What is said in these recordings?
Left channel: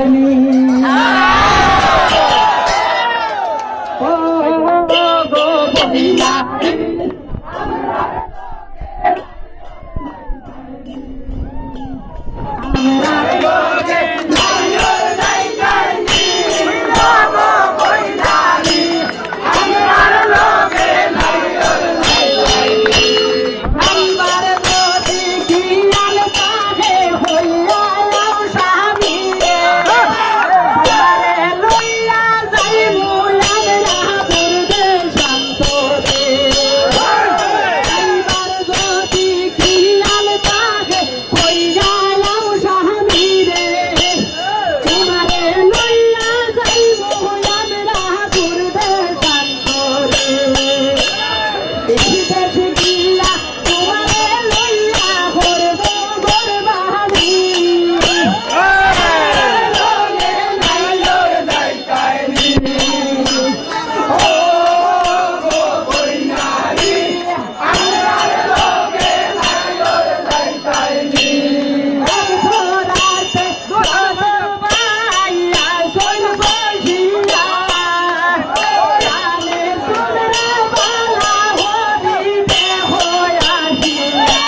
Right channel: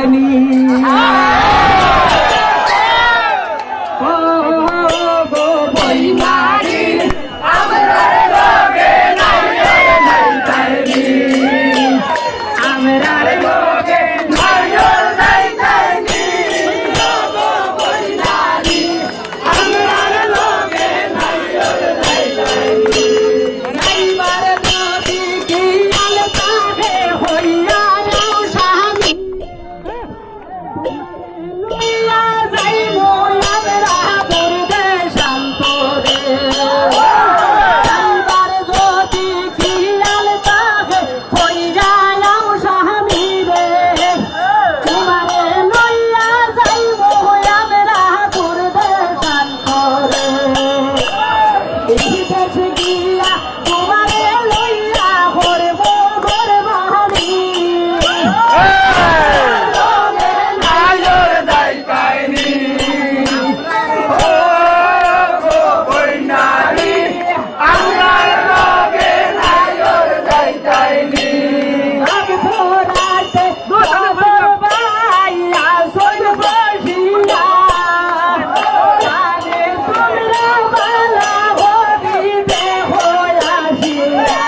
যাইতানি ও গো বইনারি আমরার লগে যাইতানি আমরার লগে যাইতানি ও গো বইনারি আমরার লগে যাইতানি আইবার নদী কিনাল তাহে হইয়া স্বামী আমারে লইয়া যাইব আমরা দুর্গে শান্তরে আইবার নদী কিনাল তাহে হইয়া স্বামী রে তোমারে লইয়া যাইব আমরা দুর্গে শান্তরে দেশে গিয়া তোমারে লইয়া করব গরবানি লগে নাইর যাইতানি ও গো বইনারি আমরার লগে নাইর যাইতানি আগ ছড়াইতে দোসর বাইয়া সর বসিয়া জানে তোমরা বালা হইতে হইয়াছিয়া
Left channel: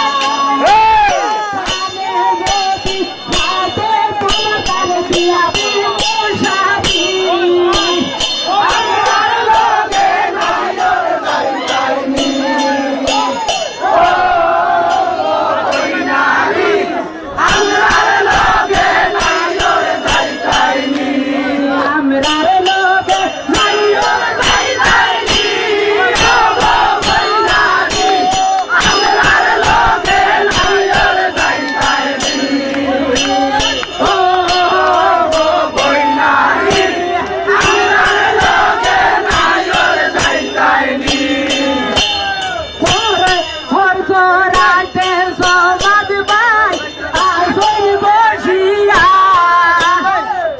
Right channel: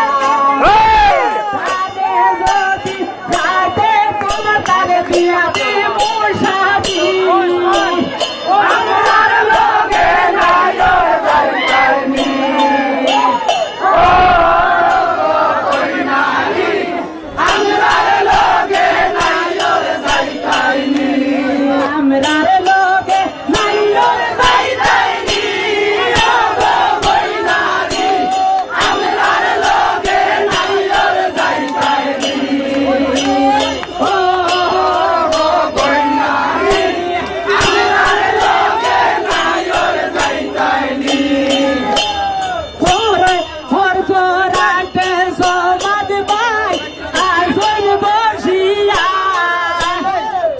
জানে যদি যাইতে তোমরা তারে দিয়া বিমুষাদি আমরার লগে নাইর যাইতানি ও বইনারি আমরার লগে নাইর যাইতানি আমরার লগে নাইর যাইতানি ও গো বইনারি আমরার লগে নাইর যাইতানি ও গো বইনারি আমরার লগে নাইর যাইতানি হরসরাইতে সমাদ ভাই আসল বসিয়া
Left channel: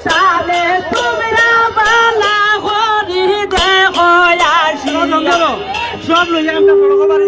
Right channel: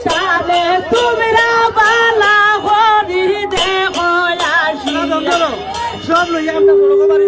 সালে তোমরা বালা হরি দেখো আসিয়া সব লইয়া আমরা বড় বাড়ি